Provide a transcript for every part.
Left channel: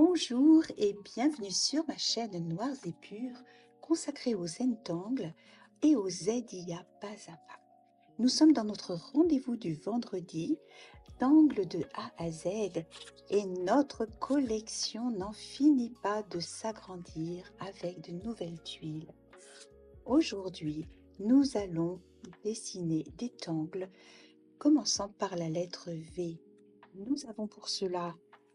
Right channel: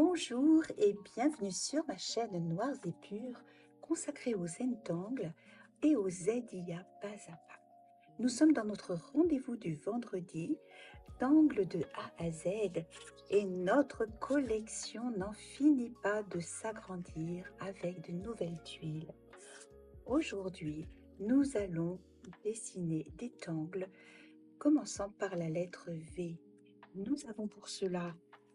Bonjour et bienvenue sur ma chaîne Noirs et Purs consacrée aux Zentangles et aux ZIA pas à pas. Nous sommes dans notre rendez-vous du vendredi d'angles de A à Z et notre collection n'en finit pas de s'agrandir avec de nouvelles tuiles. Aujourd'hui, nous allons dessiner des tangles commençant par la lettre V. Nous avons pour cela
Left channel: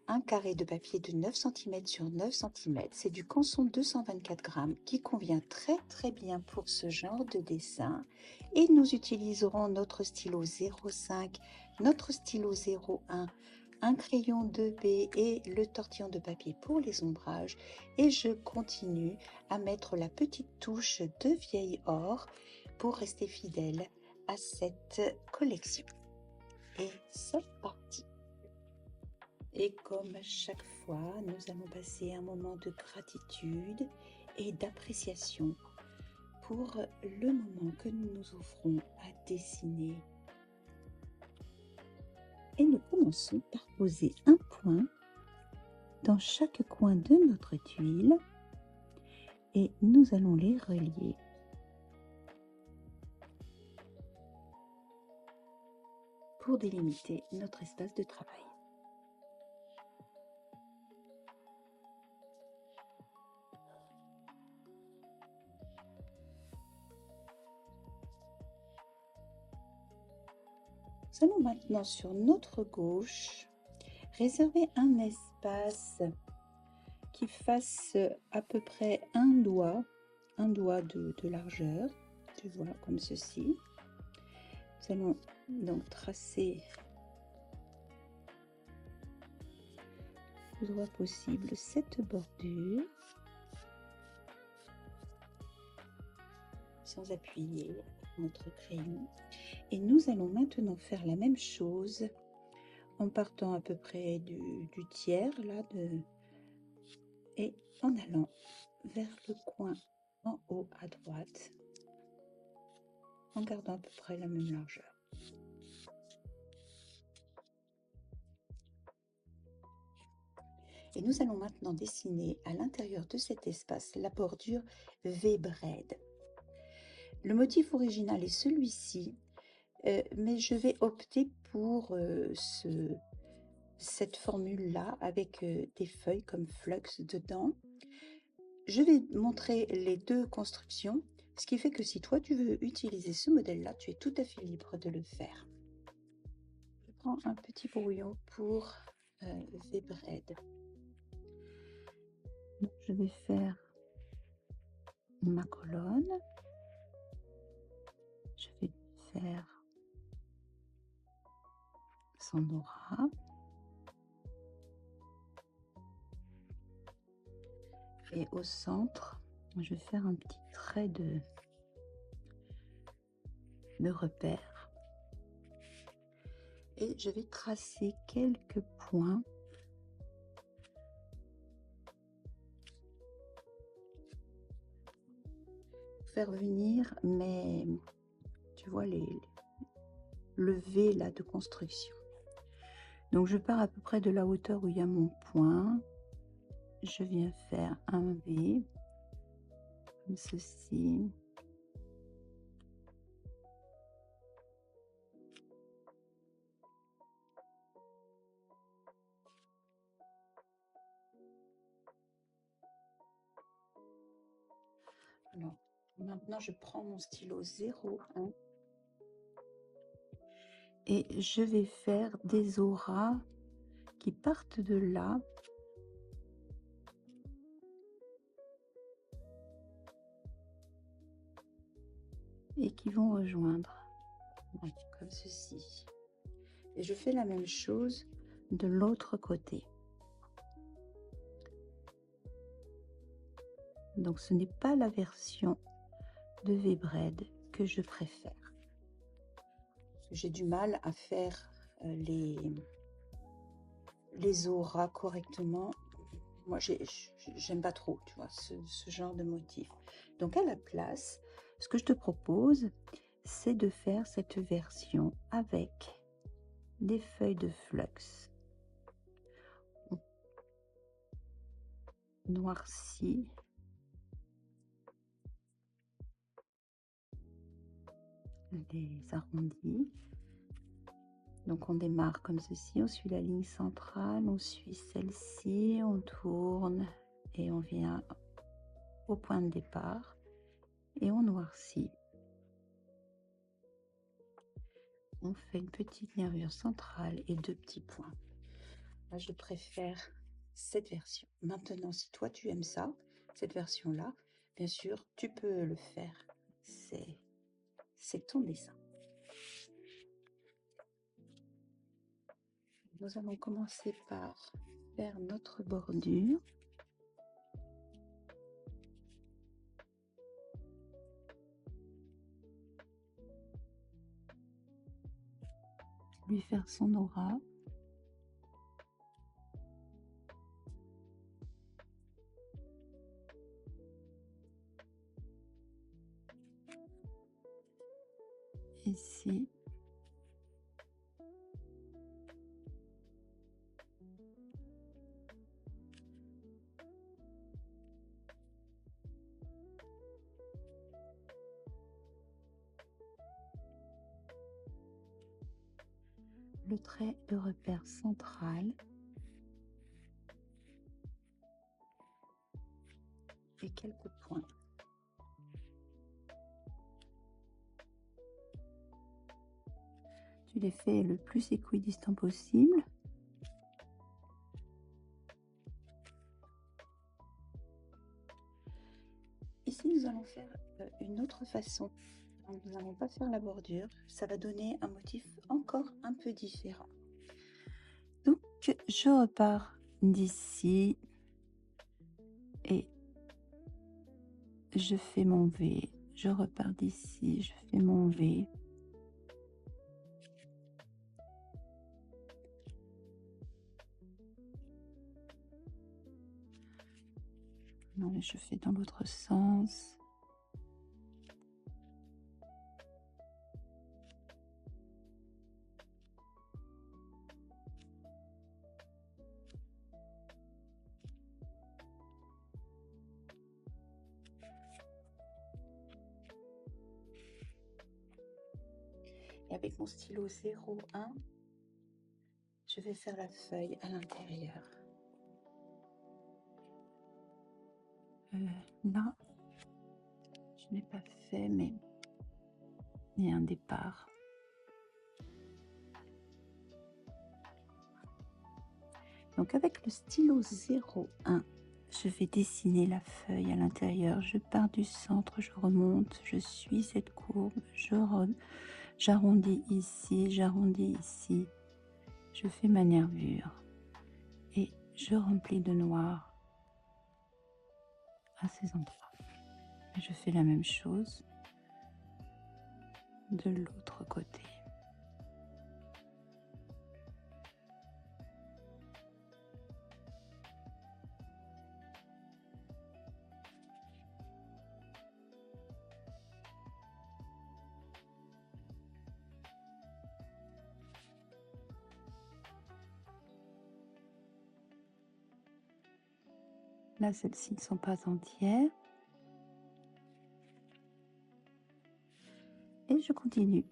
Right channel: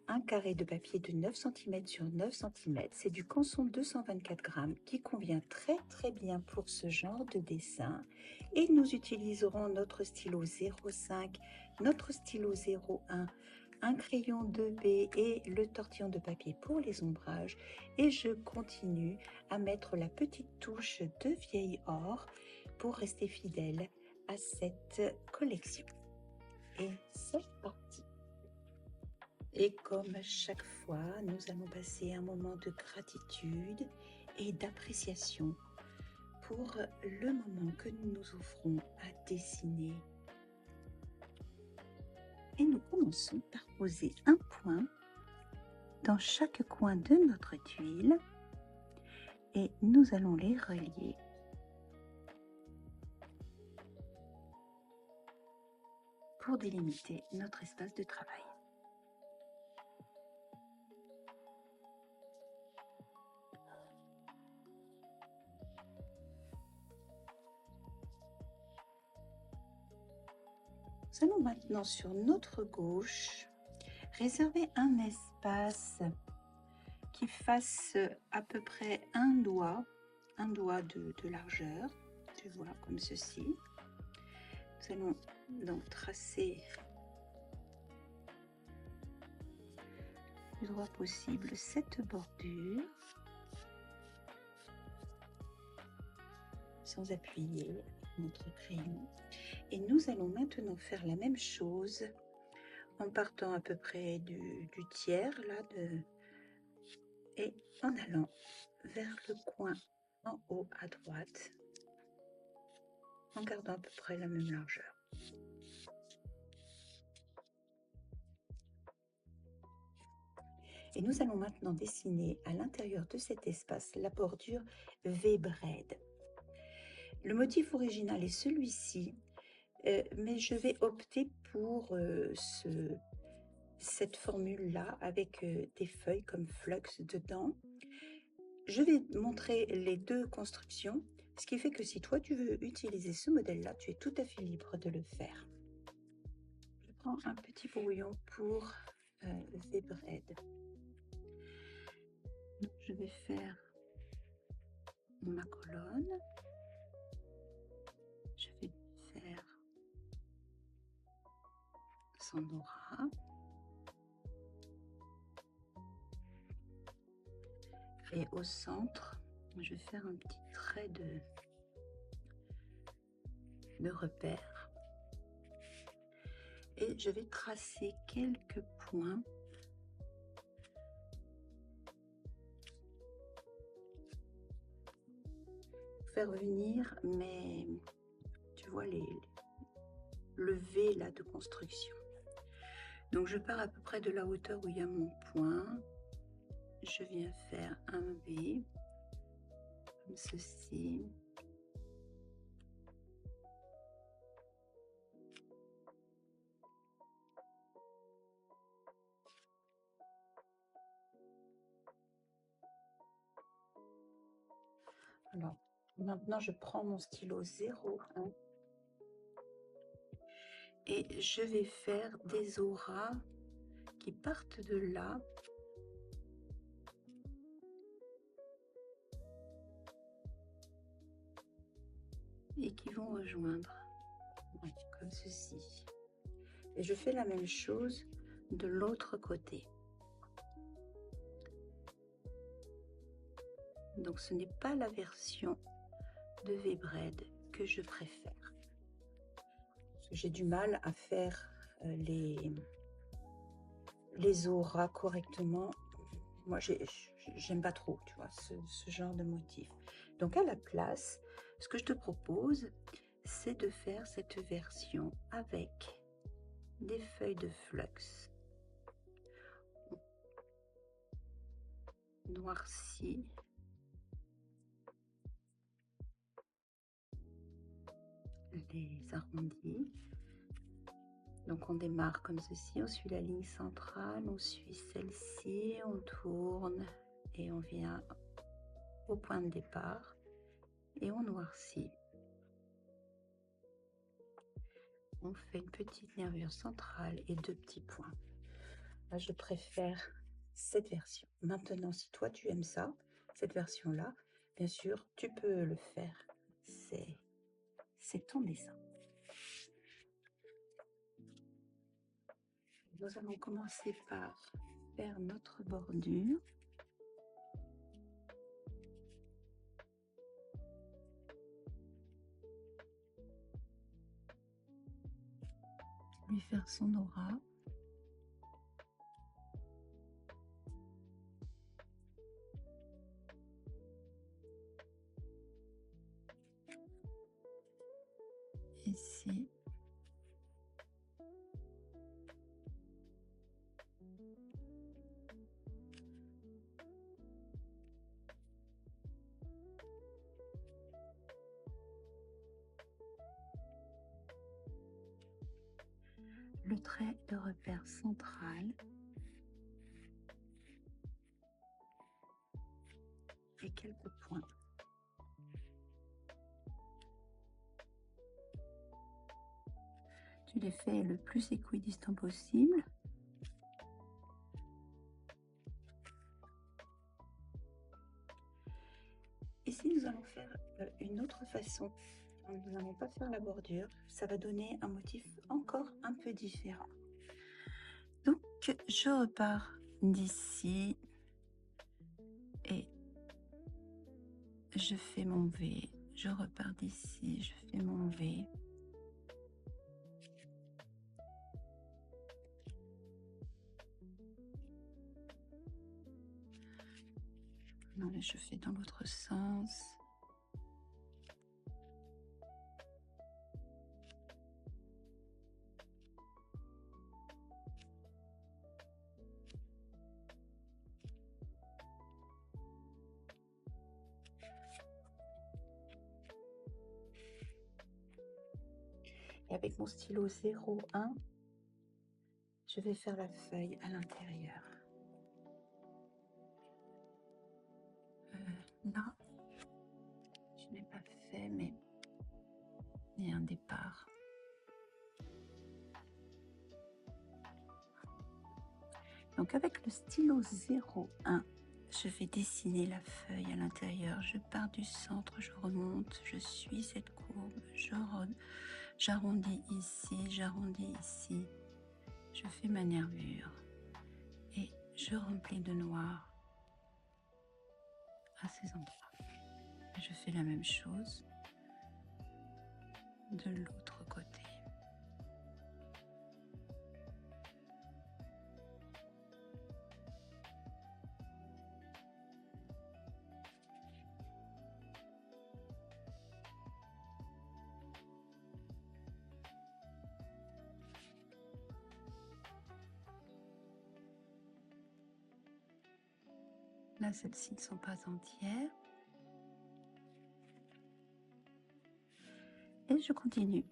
un carré de papier de 9 cm sur 9 cm. C'est du Canson 224 grammes qui convient très bien pour ce genre de dessin. Et nous utiliserons notre stylo 05, notre stylo 01, un crayon 2B et le tortillon de papier pour les ombrages. Et je continue à mettre la petite touche de vieil or pour rester fidèle à cette collection. Et c'est parti! Et comme chaque fois, nous allons passer un moment de gratitude et d'appréciation pour le moment que nous nous offrons à dessiner. Et nous commençons par poser un point dans chaque coin de notre tuile et nous allons les relier. Pour délimiter notre espace de travail. Nous allons maintenant sur notre gauche réserver un espace qui fasse à peu près un doigt de largeur, tu vois, comme ceci. Nous allons donc tracer le plus droit possible cette bordure sans appuyer notre crayon. Et nous allons maintenant faire la même chose en partant à peu près du tiers là et en allant vers le coin en haut à droite en gardant à peu près la même largeur. Et nous allons maintenant dessiner à l'intérieur de cet espace la bordure V-braid. Le motif original est celui-ci, mais je vais opter pour cette formule-là avec des feuilles comme flux dedans. Je vais montrer les deux constructions, ce qui fait que si toi tu veux utiliser ce modèle-là, tu es tout à fait libre de le faire. Je prends un petit brouillon pour V-braid. Je vais faire ma colonne. Je vais faire son aura. Et au centre, je vais faire un petit trait de repère. Et je vais tracer quelques points pour faire venir mes, tu vois, le V là de construction. Donc je pars à peu près de la hauteur où il y a mon point. Je viens faire un V comme ceci. Alors, maintenant je prends mon stylo 01 et je vais faire des auras qui partent de là et qui vont rejoindre, comme ceci. Et je fais la même chose de l'autre côté. Donc ce n'est pas la version de V-braid que je préfère. J'ai du mal à faire les auras correctement. Moi j'aime pas trop, tu vois, ce genre de motif. Donc à la place, ce que je te propose, c'est de faire cette version avec des feuilles de flux. noirci. Les arrondis. Donc on démarre comme ceci, on suit la ligne centrale, on suit celle-ci, on tourne et on vient au point de départ et on noircit. On fait une petite nervure centrale et 2 petits points. Là, je préfère cette version. Maintenant, si toi tu aimes ça, cette version-là, bien sûr, tu peux le faire. C'est ton dessin. Nous allons commencer par faire notre bordure. Lui faire son aura. Ici. Le trait de repère central et quelques points. Tu les fais le plus équidistant possible. Ici, nous allons faire une autre façon. Nous n'allons pas faire la bordure. Ça va donner un motif encore un peu différent. Donc, je repars d'ici et je fais mon V. Je repars d'ici, je fais mon V. Je fais dans l'autre sens. Et avec mon stylo 01, je vais faire la feuille à l'intérieur. Là, je n'ai pas fait, mais il y a un départ. Donc avec le stylo 01, je vais dessiner la feuille à l'intérieur. Je pars du centre, je remonte, je suis cette courbe, j'arrondis ici, j'arrondis ici. Je fais ma nervure et je remplis de noir à ces endroits. Je fais la même chose de l'autre côté. Là, celles-ci ne sont pas entières. Et je continue.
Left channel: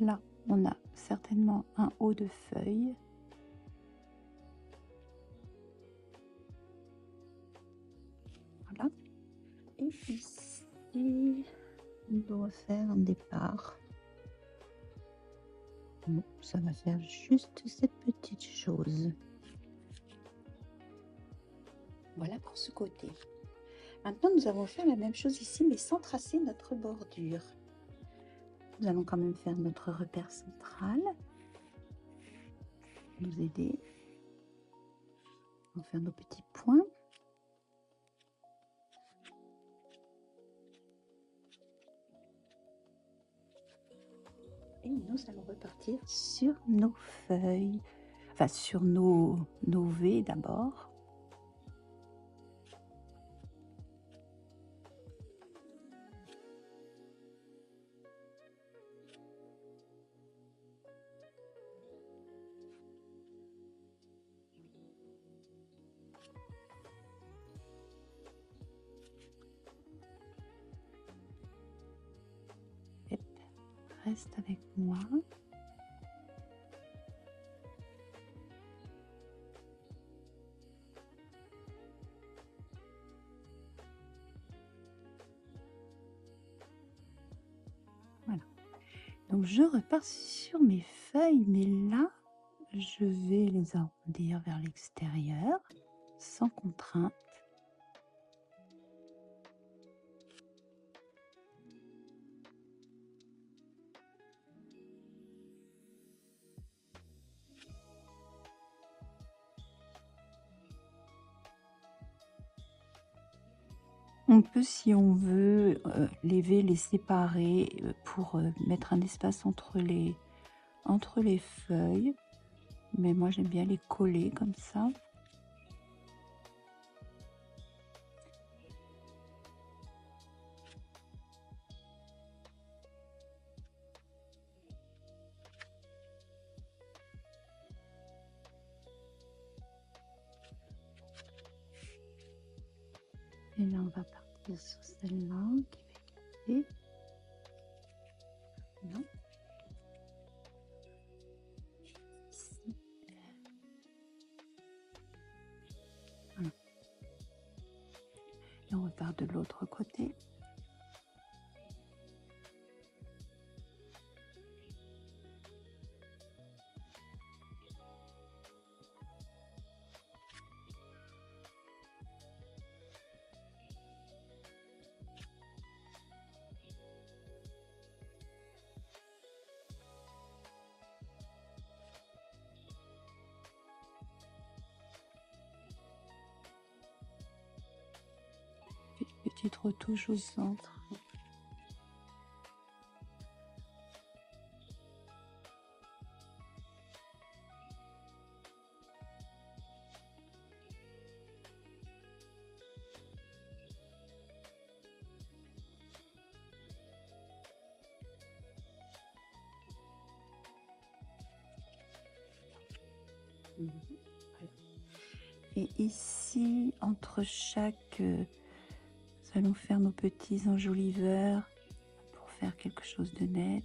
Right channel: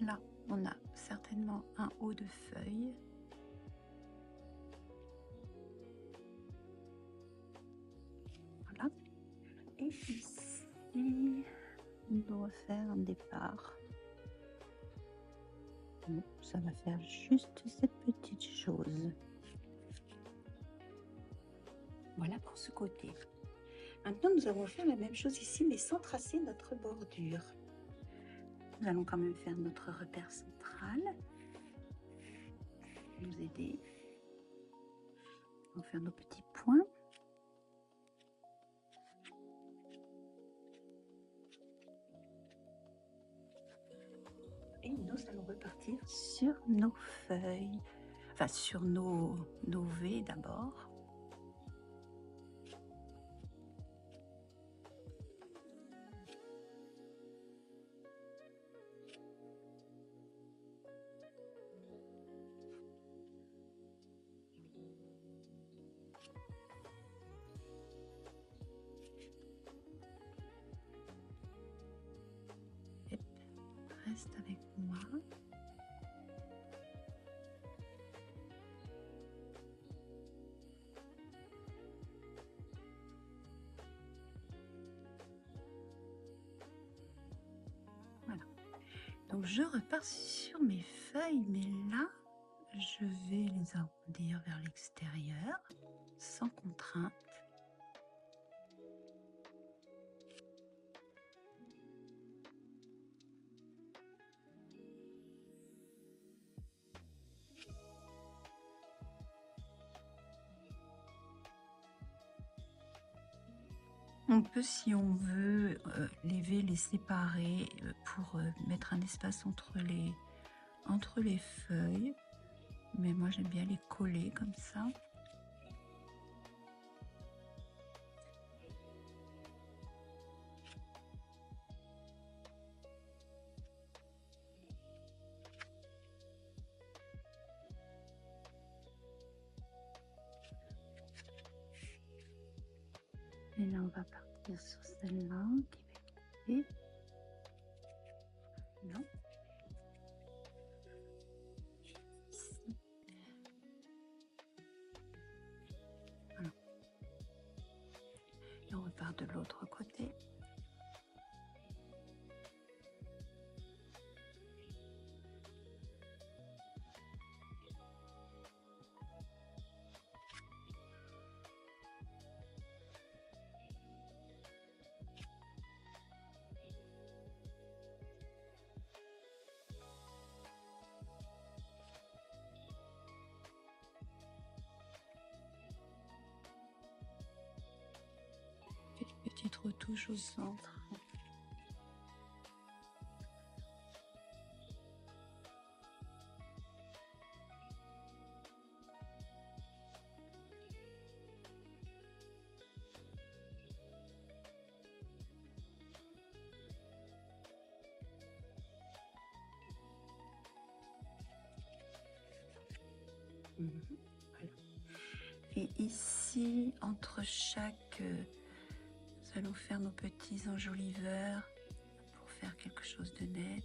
Là, on a certainement un haut de feuille. Voilà. Et ici, on doit faire un départ. Bon, ça va faire juste cette petite chose. Voilà pour ce côté. Maintenant, nous allons faire la même chose ici, mais sans tracer notre bordure. Nous allons quand même faire notre repère central. Nous aider. On va faire nos petits points. Et nous allons repartir sur nos feuilles, enfin sur nos V d'abord. Reste avec moi. Voilà. Donc je repars sur mes feuilles, mais là, je vais les arrondir vers l'extérieur, sans contrainte. On peut, si on veut, les séparer pour mettre un espace entre les feuilles. Mais moi, j'aime bien les coller comme ça. Et là, on va partir sur celle-là qui va quitter. Non. Voilà. Et on repart de l'autre côté. Petite retouche au centre. Voilà. Et ici, entre chaque... nous allons faire nos petits enjoliveurs pour faire quelque chose de net.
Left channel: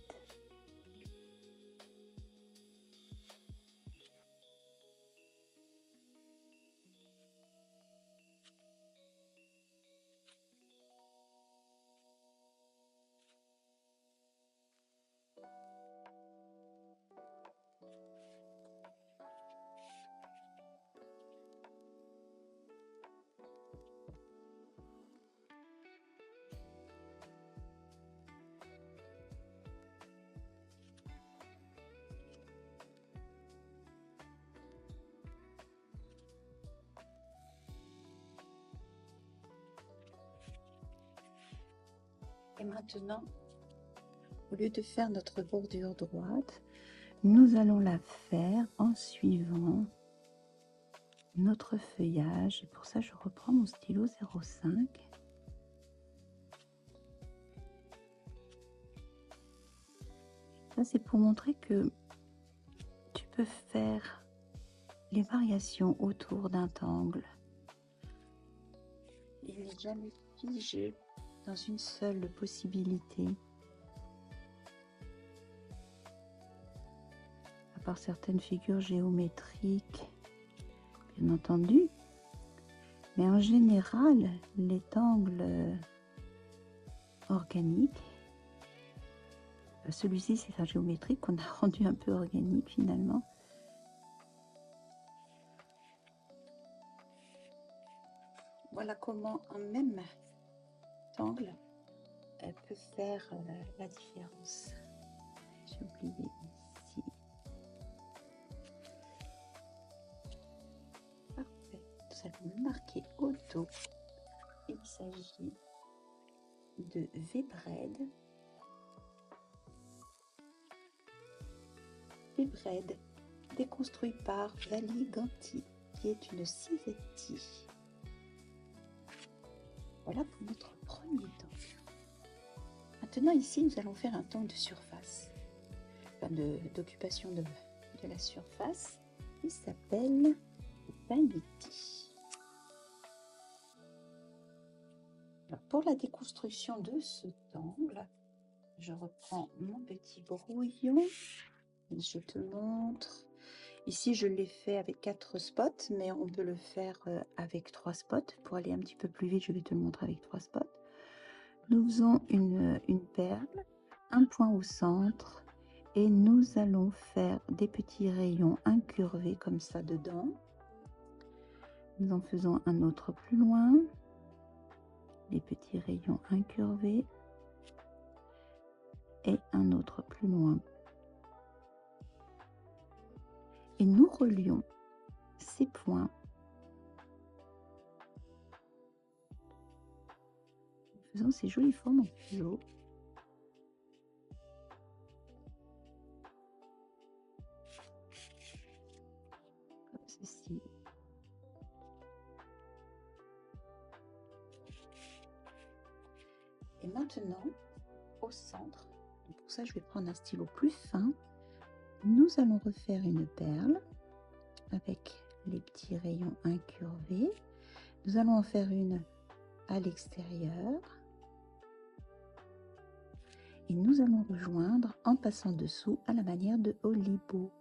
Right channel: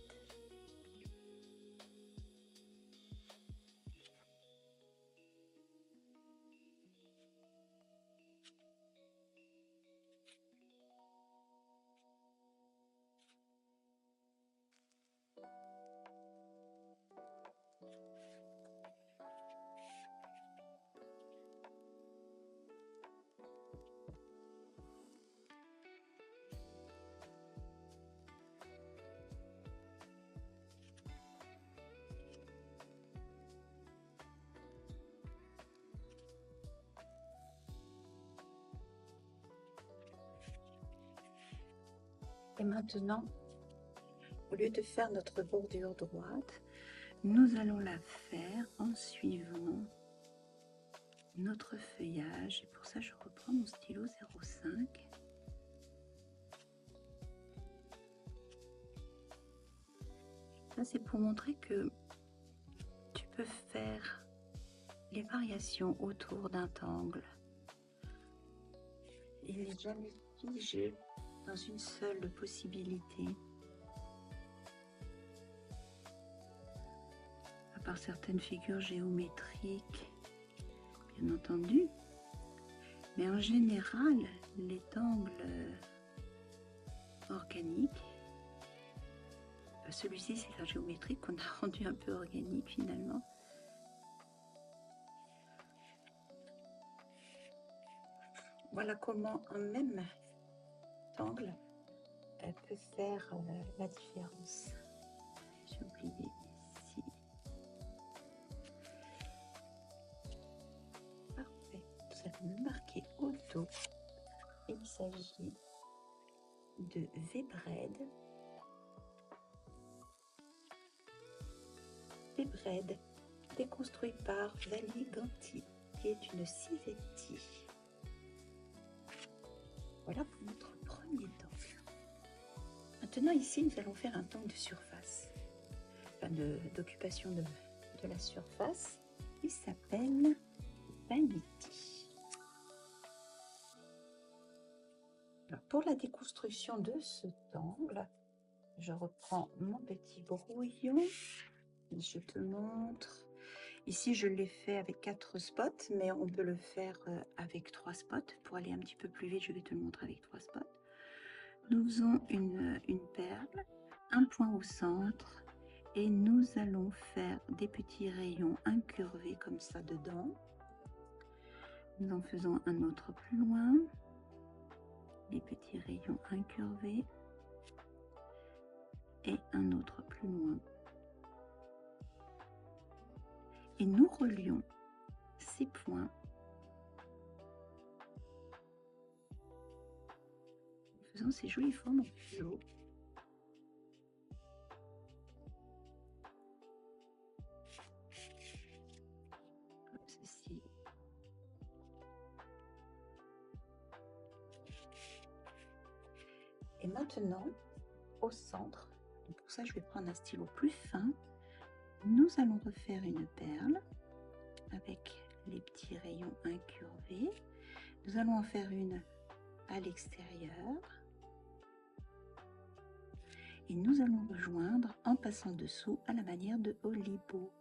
Et maintenant, au lieu de faire notre bordure droite, nous allons la faire en suivant notre feuillage. Et pour ça, je reprends mon stylo 05. Ça, c'est pour montrer que tu peux faire les variations autour d'un angle. Il n'est jamais figé dans une seule possibilité. par certaines figures géométriques, bien entendu. Mais en général, les angles organiques, celui-ci c'est un géométrique qu'on a rendu un peu organique finalement. Voilà comment un même angle peut faire la différence. J'ai oublié ici. Parfait. Nous allons marquer au dos. Il s'agit de V-Bread. V-Bread, déconstruit par Vali Ganti, qui est une civetti. Voilà pour notre premier angle. Maintenant ici, nous allons faire un angle de surface, enfin d'occupation de la surface, qui s'appelle Vanity. Alors, pour la déconstruction de cet angle, je reprends mon petit brouillon. Je te montre. Ici, je l'ai fait avec 4 spots, mais on peut le faire avec 3 spots. Pour aller un petit peu plus vite, je vais te le montrer avec 3 spots. Nous faisons une perle, un point au centre, et nous allons faire des petits rayons incurvés comme ça dedans. Nous en faisons un autre plus loin, des petits rayons incurvés, et un autre plus loin. Et nous relions ces points en faisant ces jolies formes en fuseau. Comme ceci. Et maintenant, au centre, pour ça je vais prendre un stylo plus fin, nous allons refaire une perle avec les petits rayons incurvés. Nous allons en faire une à l'extérieur et nous allons rejoindre en passant dessous à la manière de Olibo.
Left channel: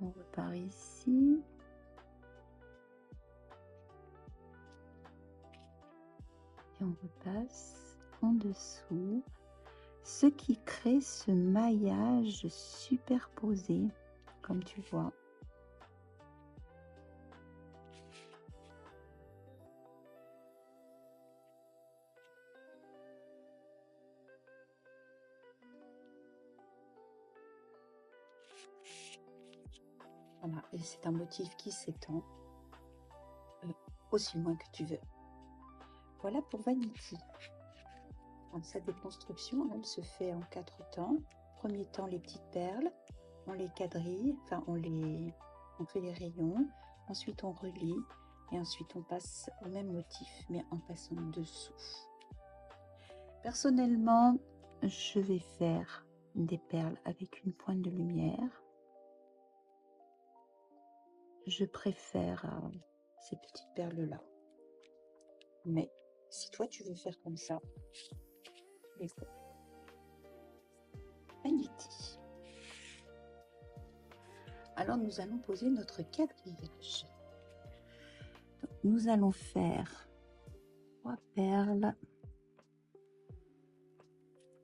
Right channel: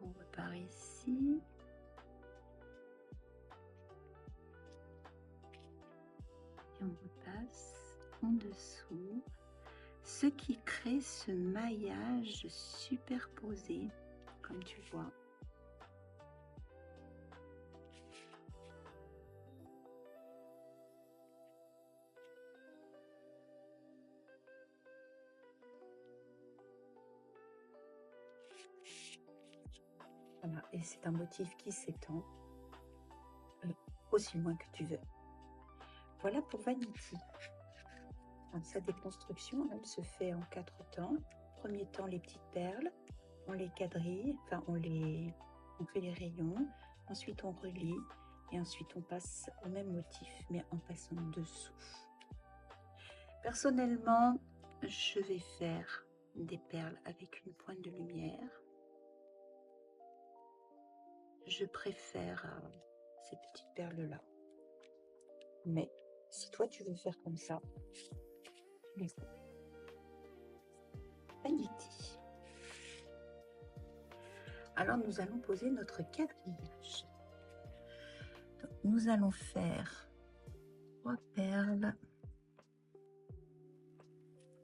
On repart ici. Et on repasse en dessous, ce qui crée ce maillage superposé, comme tu vois. Voilà, et c'est un motif qui s'étend aussi loin que tu veux. Voilà pour Vanity. Alors, sa déconstruction, elle se fait en 4 temps. Premier temps, les petites perles, on les quadrille, enfin on fait les rayons, ensuite on relie et ensuite on passe au même motif mais en passant dessous. Personnellement, je vais faire des perles avec une pointe de lumière. Je préfère ces petites perles là, mais si toi tu veux faire comme ça, les Vanity. Alors nous allons poser notre quadrillage. Donc, nous allons faire 3 perles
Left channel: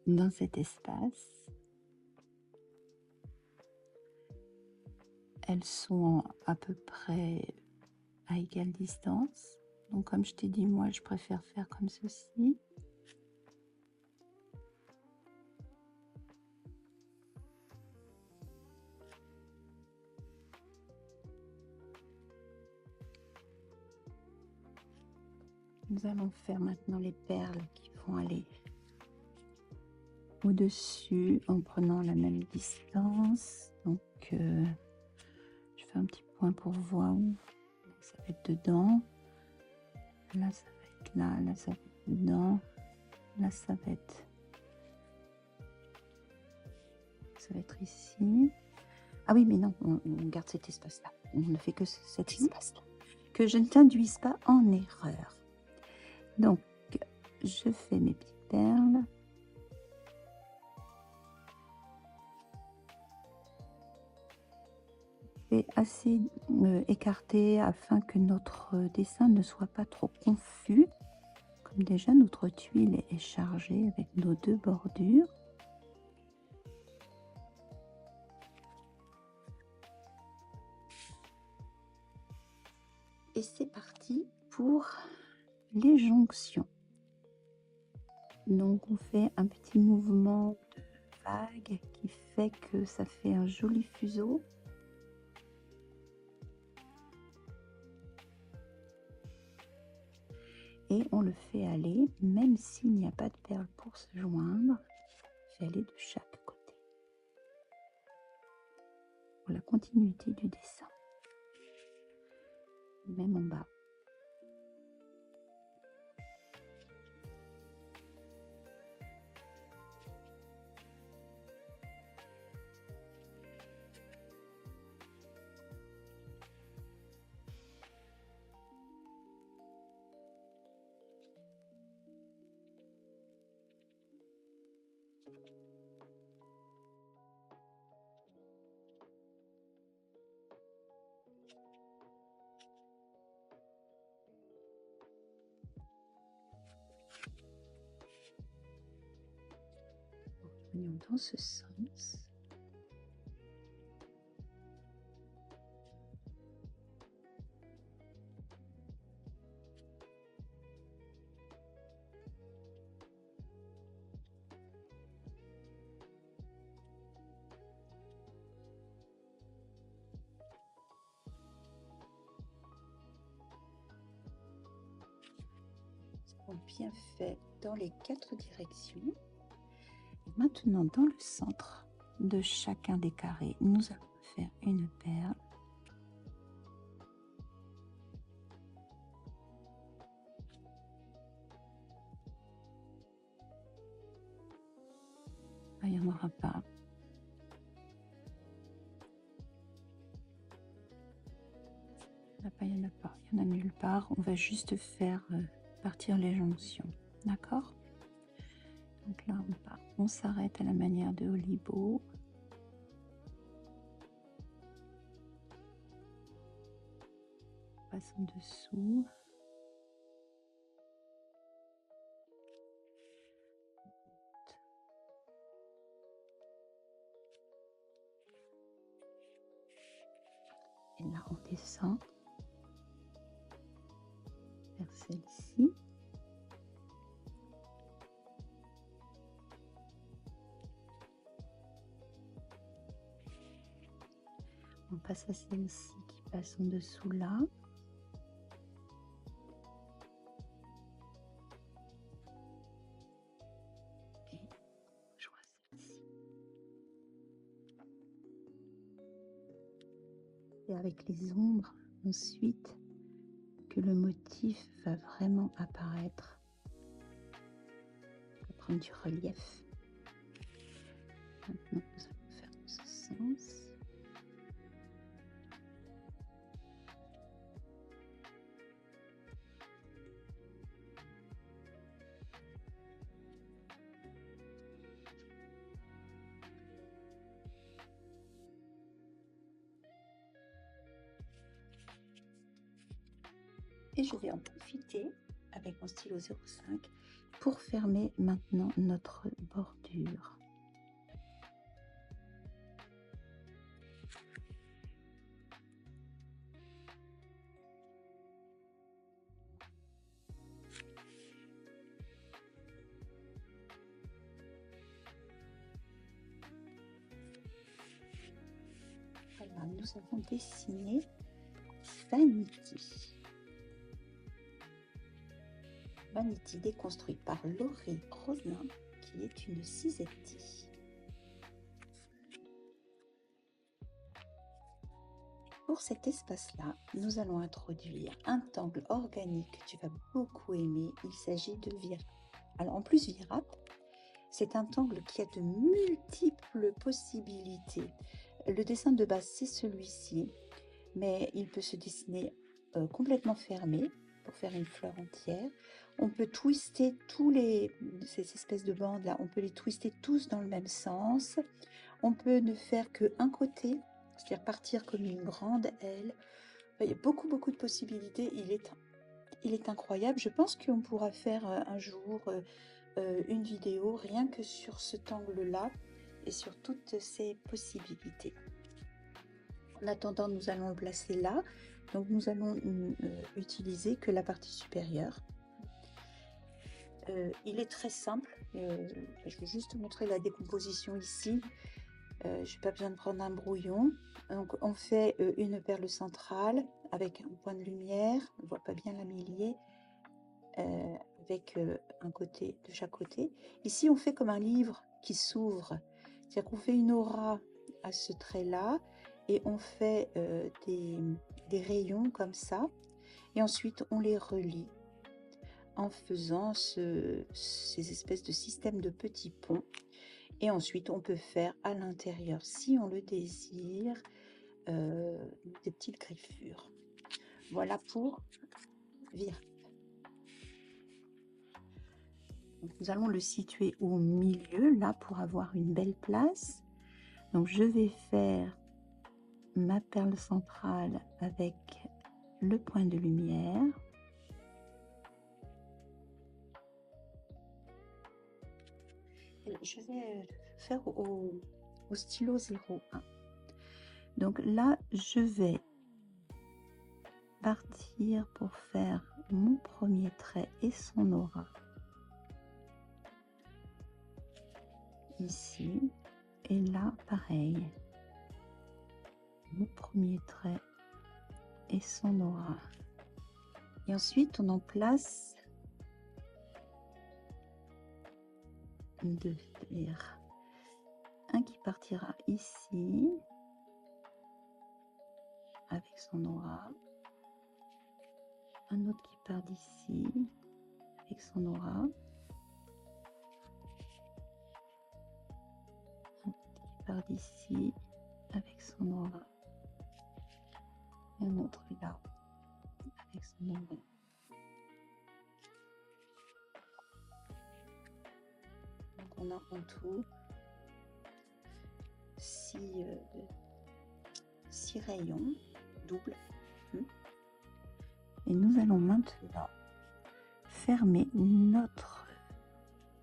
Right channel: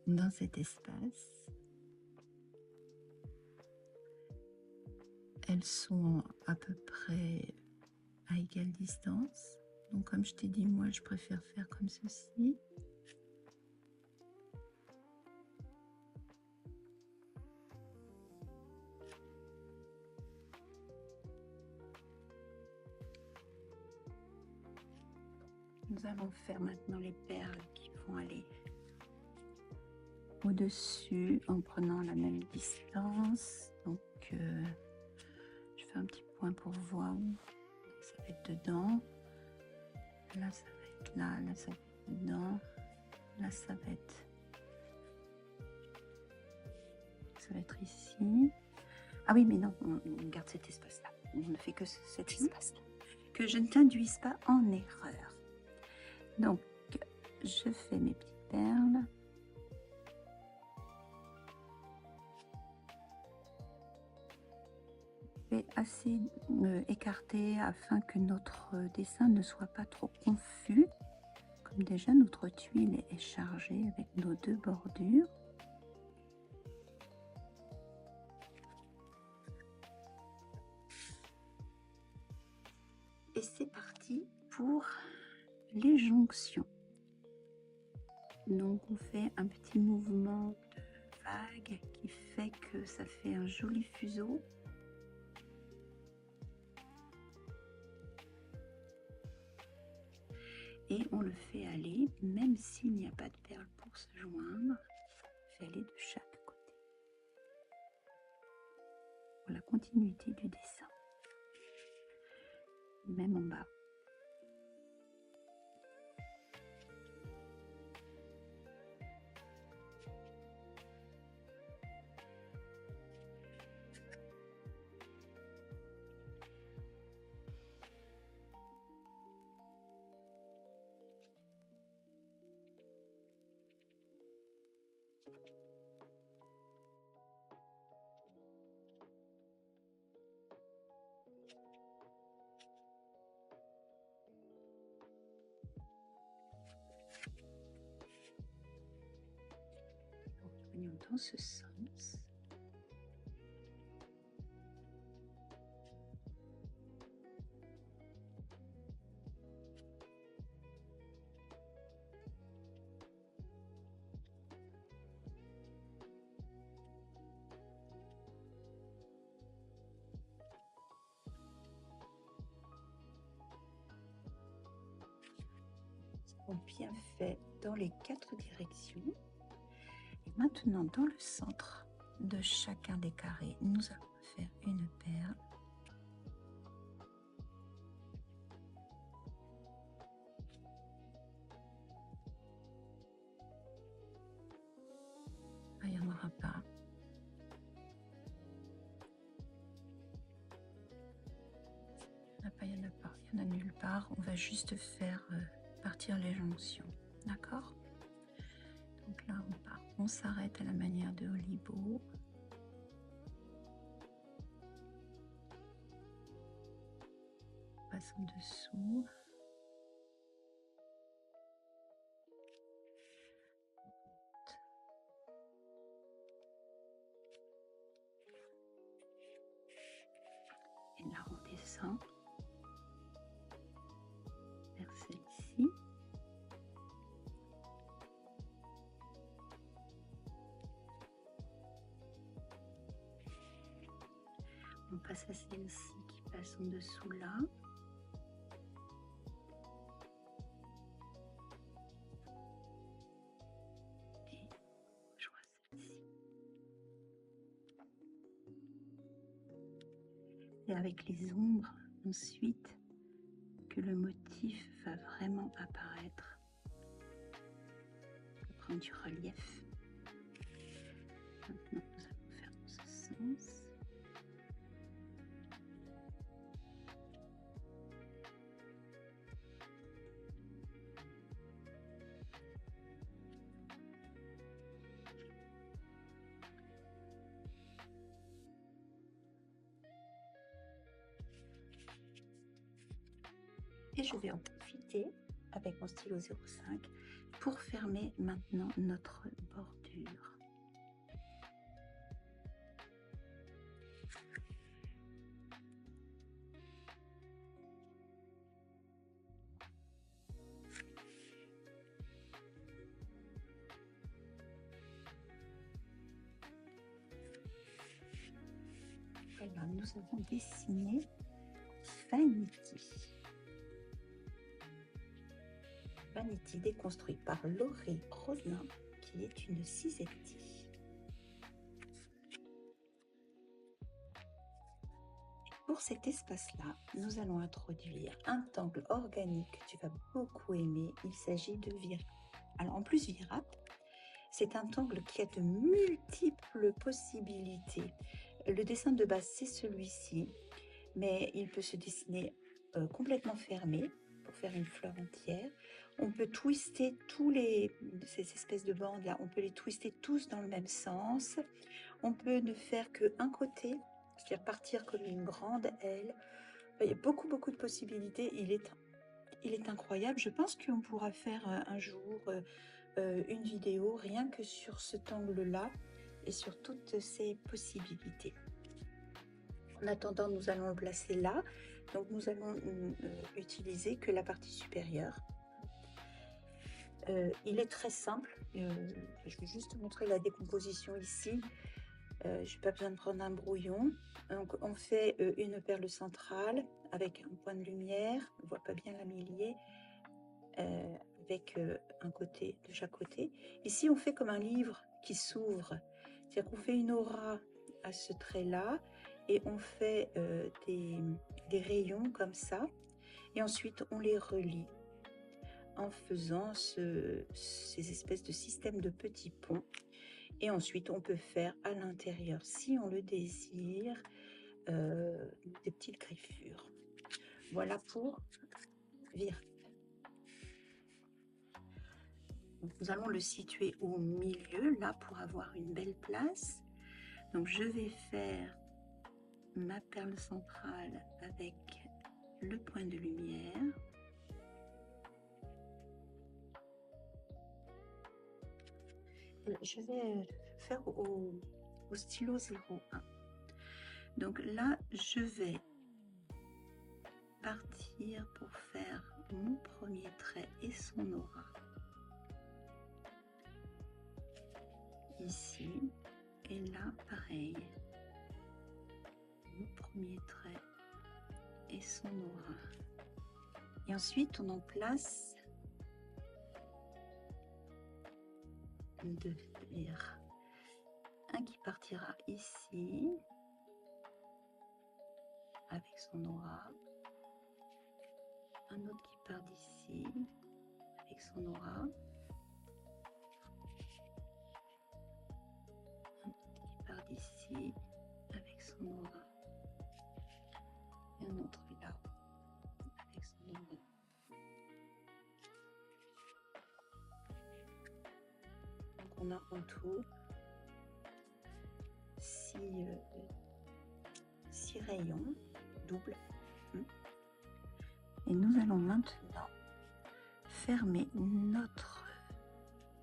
dans cet espace. Elles sont à peu près à égale distance. Donc comme je t'ai dit, moi je préfère faire comme ceci. Nous allons faire maintenant les perles qui vont aller au-dessus en prenant la même distance. Donc je fais un petit point pour voir. Ça va être dedans. Là ça va être là. Là ça va être dedans. Là ça va être ici. Ah oui mais non, on garde cet espace là. On ne fait que cet espace là. Que je ne t'induise pas en erreur. Donc, je fais mes petites perles. Et assez écarté afin que notre dessin ne soit pas trop confus. Comme déjà notre tuile est chargée avec nos deux bordures. Et c'est parti pour les jonctions. Donc on fait un petit mouvement de vague qui fait que ça fait un joli fuseau. Et on le fait aller, même s'il n'y a pas de perles pour se joindre, on fait aller de chaque côté pour la continuité du dessin. Même en bas. Revenons dans ce sens. Bien fait dans les 4 directions. Et maintenant, dans le centre de chacun des carrés, nous allons faire une perle. Ah, il n'y en aura pas. Il n'y en a pas. Il n'y en a nulle part. On va juste faire partir les jonctions. D'accord? Donc là, on s'arrête à la manière de Olibo. On passe en dessous. Et là, on descend vers celle-ci. On passe à celle-ci qui passe en dessous là. Et je vois celle-ci. Et avec les ombres, ensuite, que le motif va vraiment apparaître. On va prendre du relief. Maintenant, nous allons faire dans ce sens. Et je vais en profiter avec mon stylo 05 pour fermer maintenant notre bordure. Alors, nous avons dessiné Vanity. Vanity déconstruit par Laurie Roslin, qui est une Cisetti. Pour cet espace-là, nous allons introduire un tangle organique que tu vas beaucoup aimer. Il s'agit de Virap. Alors, en plus, Virap, c'est un tangle qui a de multiples possibilités. Le dessin de base, c'est celui-ci, mais il peut se dessiner complètement fermé pour faire une fleur entière. On peut twister ces espèces de bandes là, on peut les twister tous dans le même sens. On peut ne faire qu'un côté, c'est-à-dire partir comme une grande aile. Il y a beaucoup de possibilités. Il est incroyable. Je pense qu'on pourra faire un jour une vidéo rien que sur cet angle-là et sur toutes ces possibilités. En attendant, nous allons le placer là. Donc nous allons utiliser que la partie supérieure. Il est très simple. Je vais juste montrer la décomposition ici. Je n'ai pas besoin de prendre un brouillon. Donc on fait une perle centrale avec un point de lumière. On ne voit pas bien la millier. Avec un côté de chaque côté. Ici on fait comme un livre qui s'ouvre. C'est-à-dire qu'on fait une aura à ce trait-là. Et on fait des rayons comme ça. Et ensuite on les relie en faisant ces espèces de systèmes de petits ponts. Et ensuite, on peut faire à l'intérieur, si on le désire, des petites griffures. Voilà pour Virap. Donc, nous allons le situer au milieu, là, pour avoir une belle place. Donc, je vais faire ma perle centrale avec le point de lumière. Je vais faire au stylo 01. Donc là, je vais partir pour faire mon premier trait et son aura. Ici. Et là, pareil. Mon premier trait et son aura. Et ensuite, on en place deux. Un qui partira ici avec son aura, un autre qui part d'ici avec son aura, un autre qui part d'ici avec son aura, et un autre là avec son aura. Donc on a en tout 6 rayons doubles. Et nous allons maintenant fermer notre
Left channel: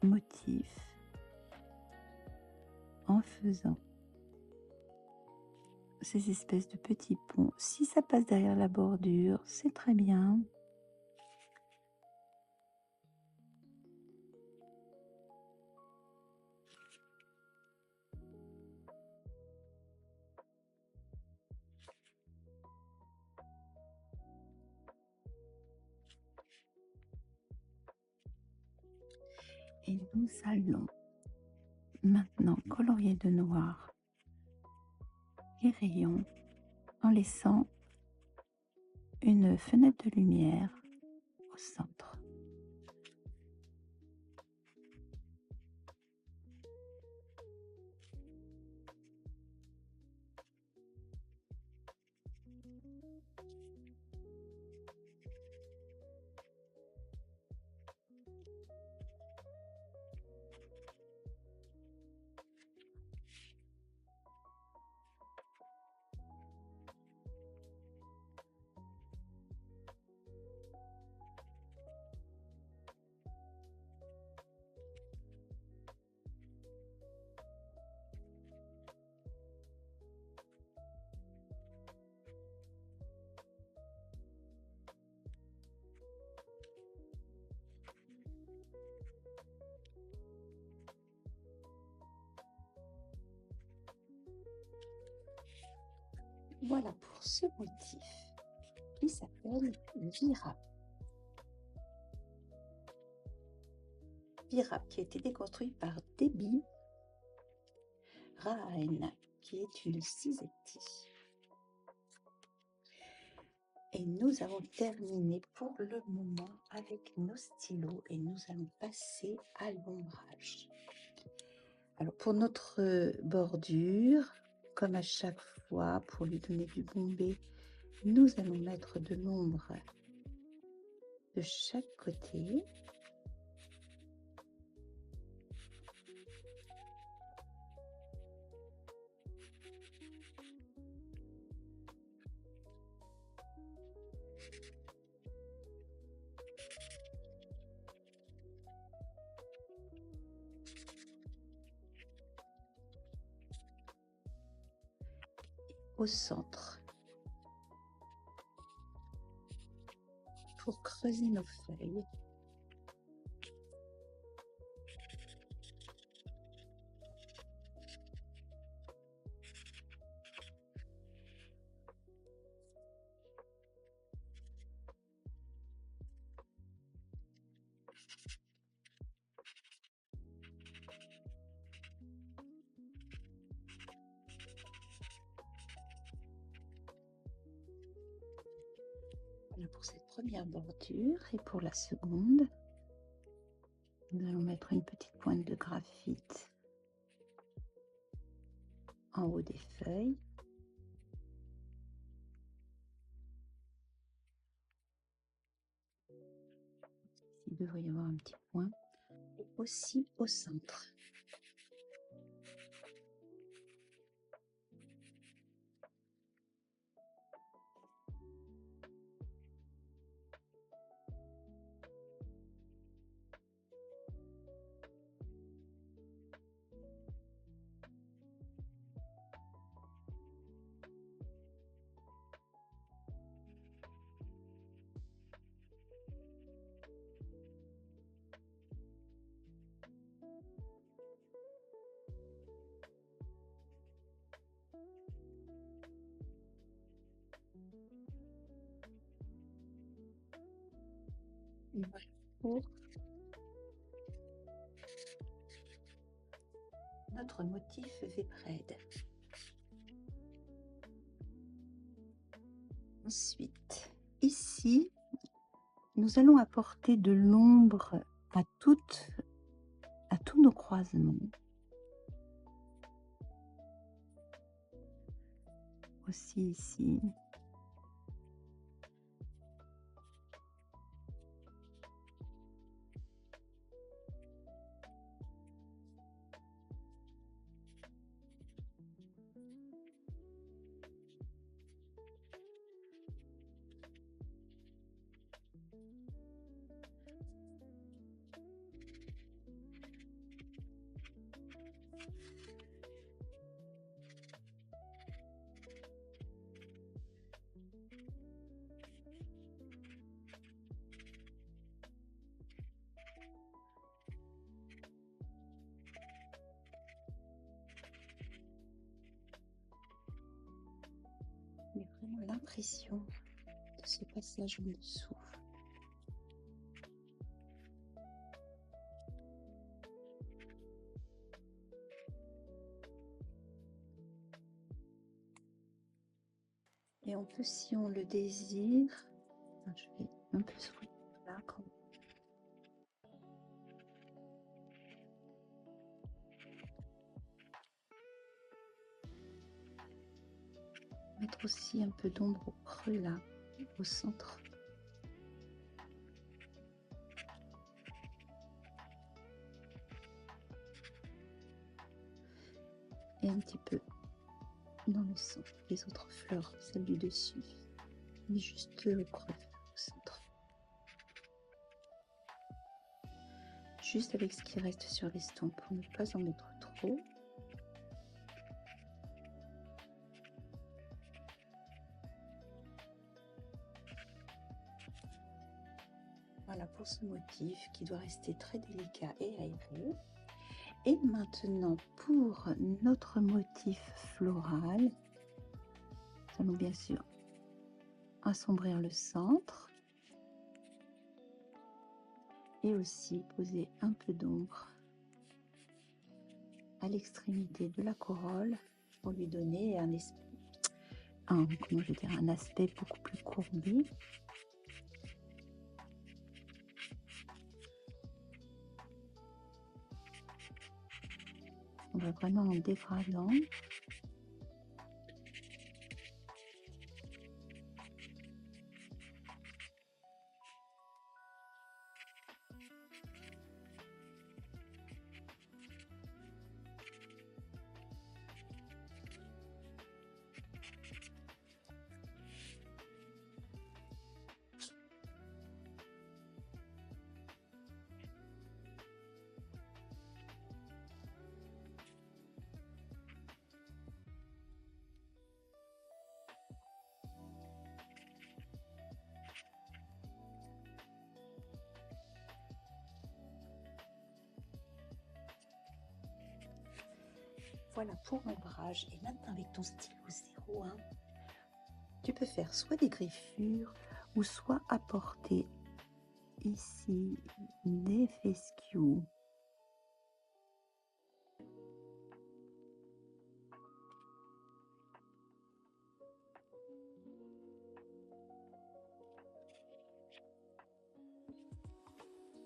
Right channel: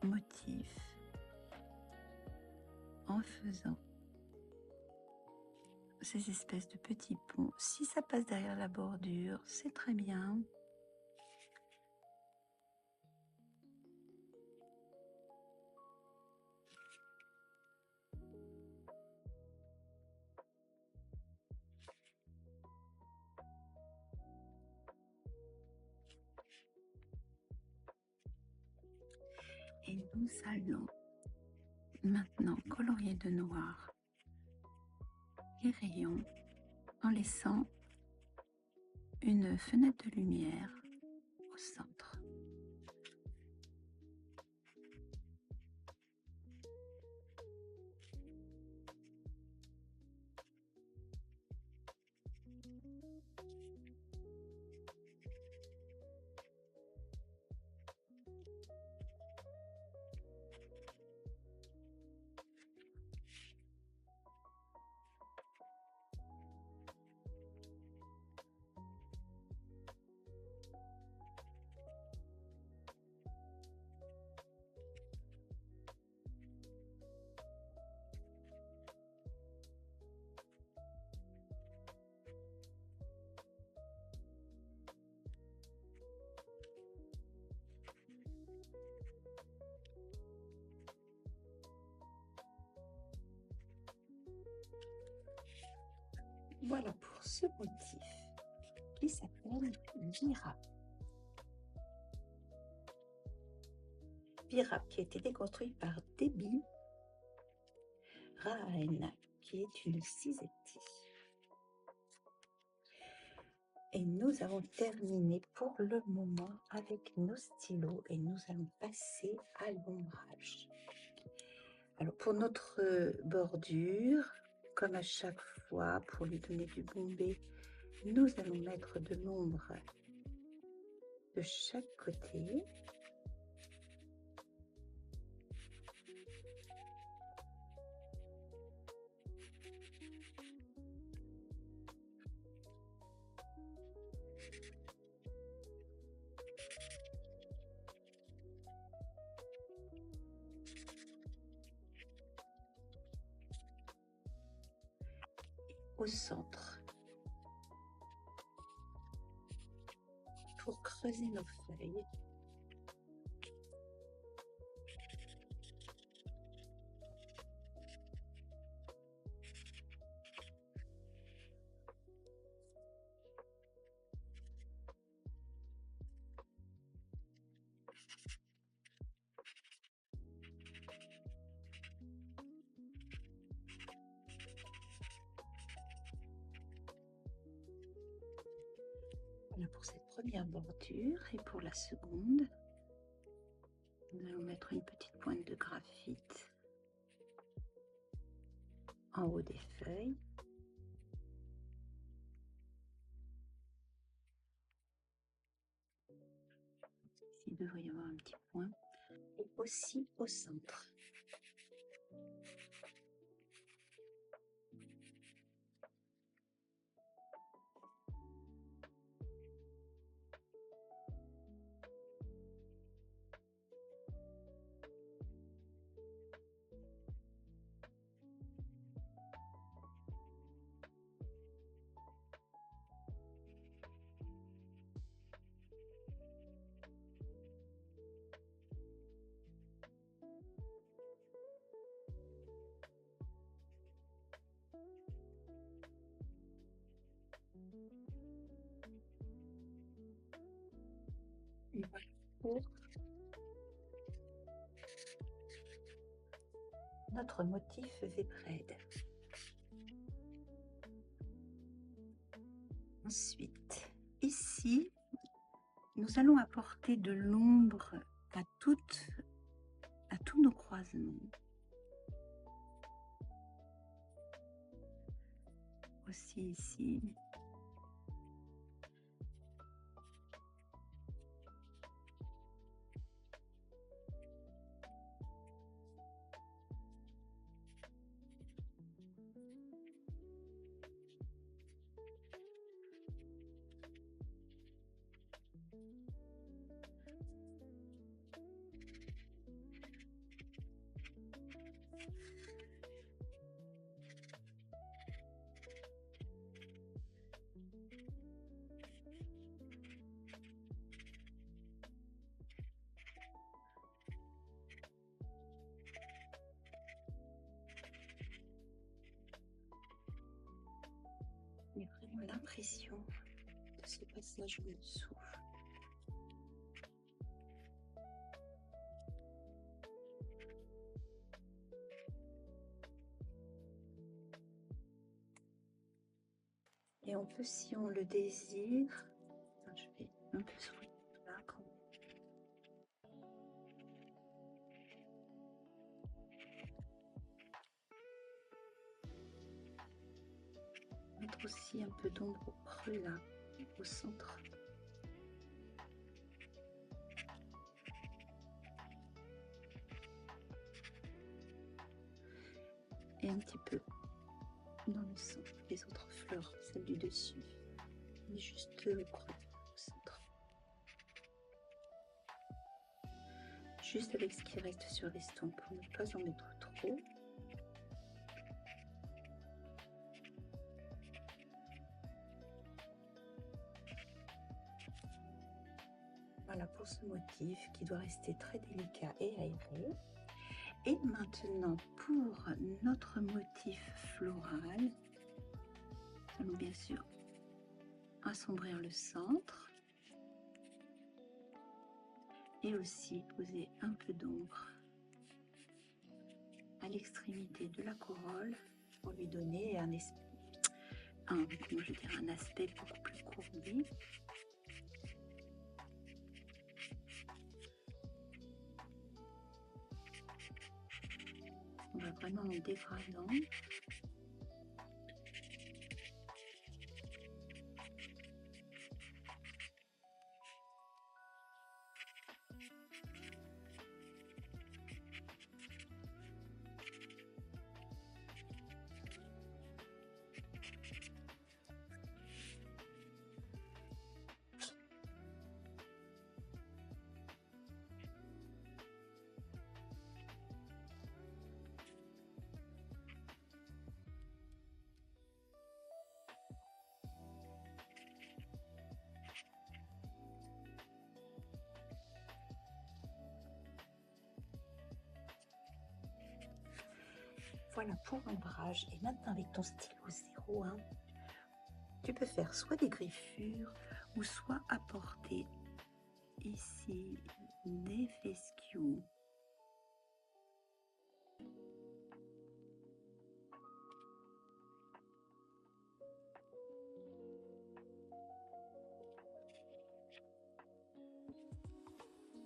motif en faisant ces espèces de petits ponts. Si ça passe derrière la bordure, c'est très bien. Et nous allons maintenant colorier de noir les rayons en laissant une fenêtre de lumière au centre. Voilà pour ce motif qui s'appelle Virap. Virap qui a été déconstruit par Debbie Rahen, qui est une cisetti. Et nous avons terminé pour le moment avec nos stylos et nous allons passer à l'ombrage. Alors pour notre bordure, comme à chaque fois, pour lui donner du bombé, nous allons mettre de l'ombre de chaque côté. au centre pour creuser nos feuilles. Voilà pour cette première bordure, et pour la seconde, nous allons mettre une petite pointe de graphite en haut des feuilles. Ici, il devrait y avoir un petit point, et aussi au centre. Et voilà pour notre motif Vébrède. Ensuite, ici, nous allons apporter de l'ombre à tous nos croisements. Aussi ici. Il y a vraiment l'impression de ce passage en dessous. Et on peut, si on le désire, je vais un peu soigner là quand mettre aussi un peu d'ombre au creux là, au centre. Et un petit peu dans le centre des autres fleurs, celle du dessus, mais juste au creux, au centre. Juste avec ce qui reste sur l'estompe pour ne pas en mettre trop. Voilà pour ce motif qui doit rester très délicat et aéré. Et maintenant pour notre motif floral, nous allons bien sûr assombrir le centre et aussi poser un peu d'ombre à l'extrémité de la corolle pour lui donner un aspect beaucoup plus courbé. On va vraiment en dégradant. Voilà pour l'ombrage. Et maintenant avec ton stylo 01, tu peux faire soit des griffures ou soit apporter ici des fescues.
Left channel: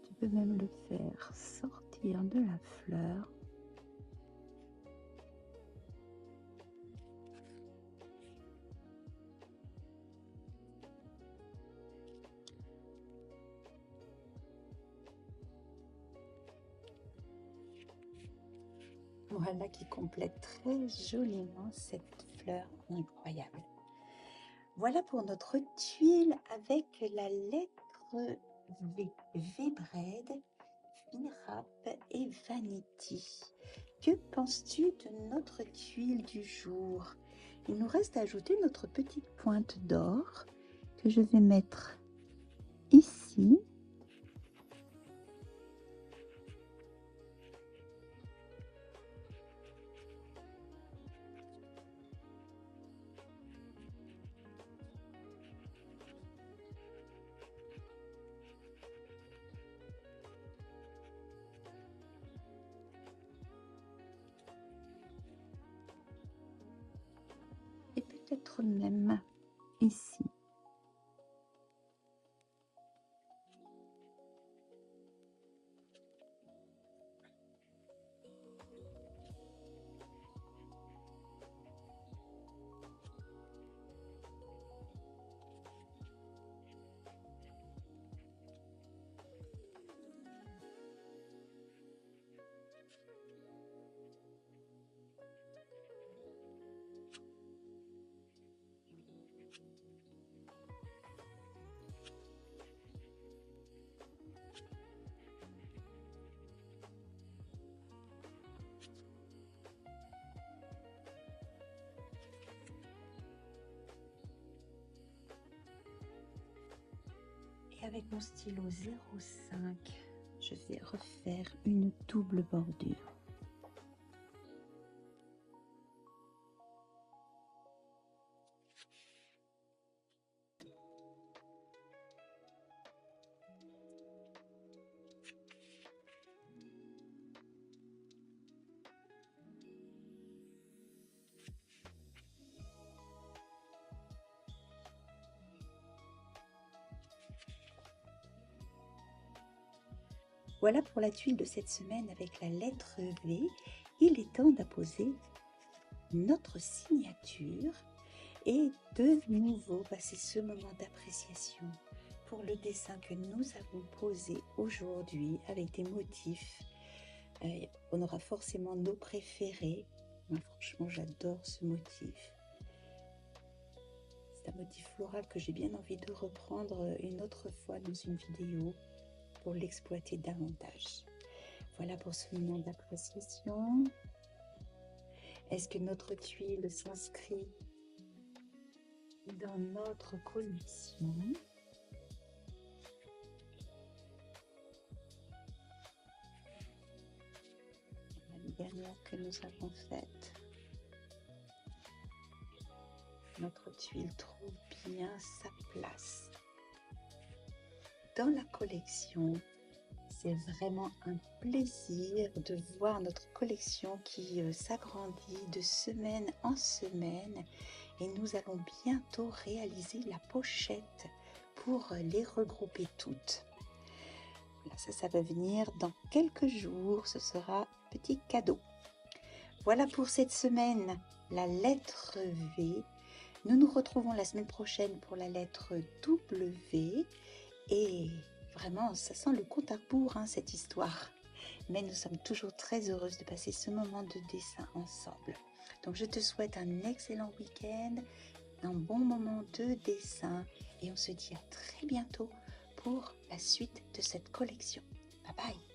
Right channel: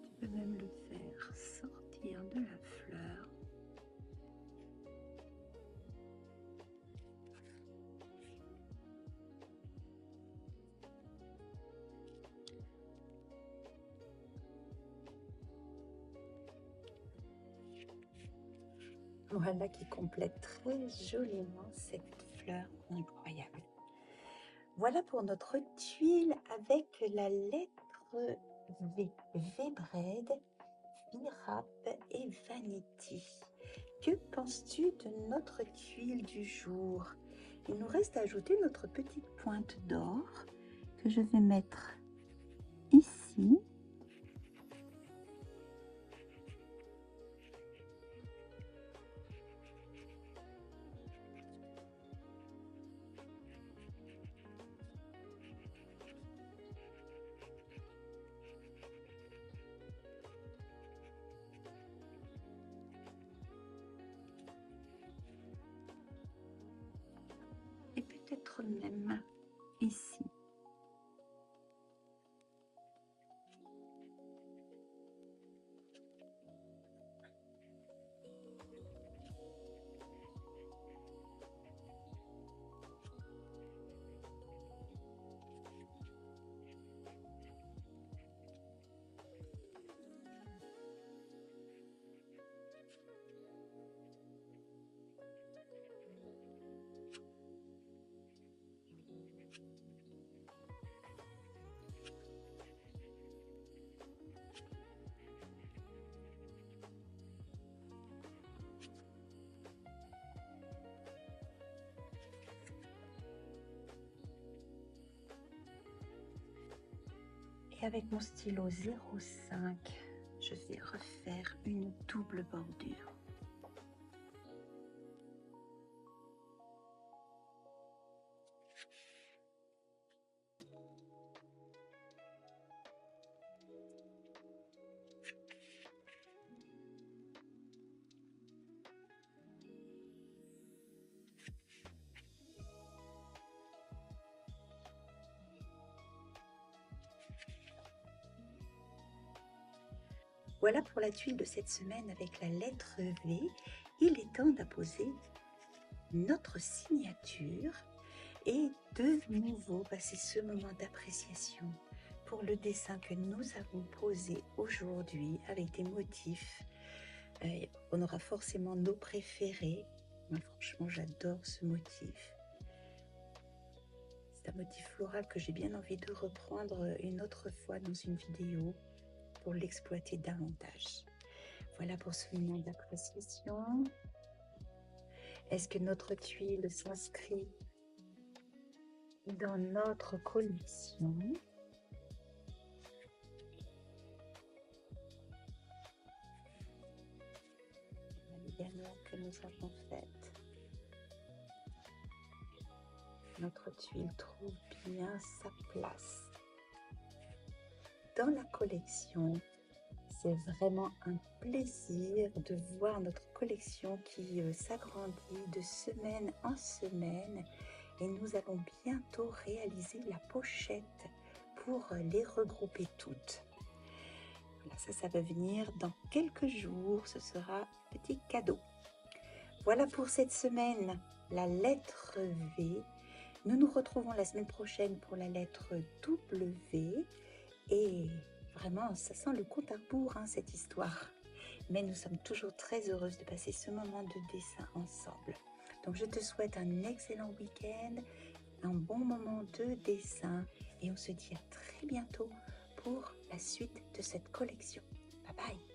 Tu peux même le faire sortir de la fleur. Voilà qui complète très joliment cette fleur incroyable. Voilà pour notre tuile avec la lettre V. V-Bread, V-Wrap et Vanity. Que penses-tu de notre tuile du jour? Il nous reste à ajouter notre petite pointe d'or que je vais mettre ici. Et peut-être même ici. Et avec mon stylo 05, je vais refaire une double bordure. Voilà pour la tuile de cette semaine avec la lettre V. Il est temps d'apposer notre signature et de nouveau passer ce moment d'appréciation pour le dessin que nous avons posé aujourd'hui avec des motifs. On aura forcément nos préférés. Moi, franchement, j'adore ce motif. C'est un motif floral que j'ai bien envie de reprendre une autre fois dans une vidéo pour l'exploiter davantage. Voilà pour ce moment d'appréciation. Est-ce que notre tuile s'inscrit dans notre collection? La dernière que nous avons faite. Notre tuile trouve bien sa place dans la collection. C'est vraiment un plaisir de voir notre collection qui s'agrandit de semaine en semaine et nous allons bientôt réaliser la pochette pour les regrouper toutes. Voilà, ça va venir dans quelques jours, ce sera petit cadeau. Voilà pour cette semaine, la lettre V. Nous nous retrouvons la semaine prochaine pour la lettre W et vraiment, ça sent le compte à rebours, hein, cette histoire. Mais nous sommes toujours très heureuses de passer ce moment de dessin ensemble. Donc, je te souhaite un excellent week-end, un bon moment de dessin. Et on se dit à très bientôt pour la suite de cette collection. Bye bye!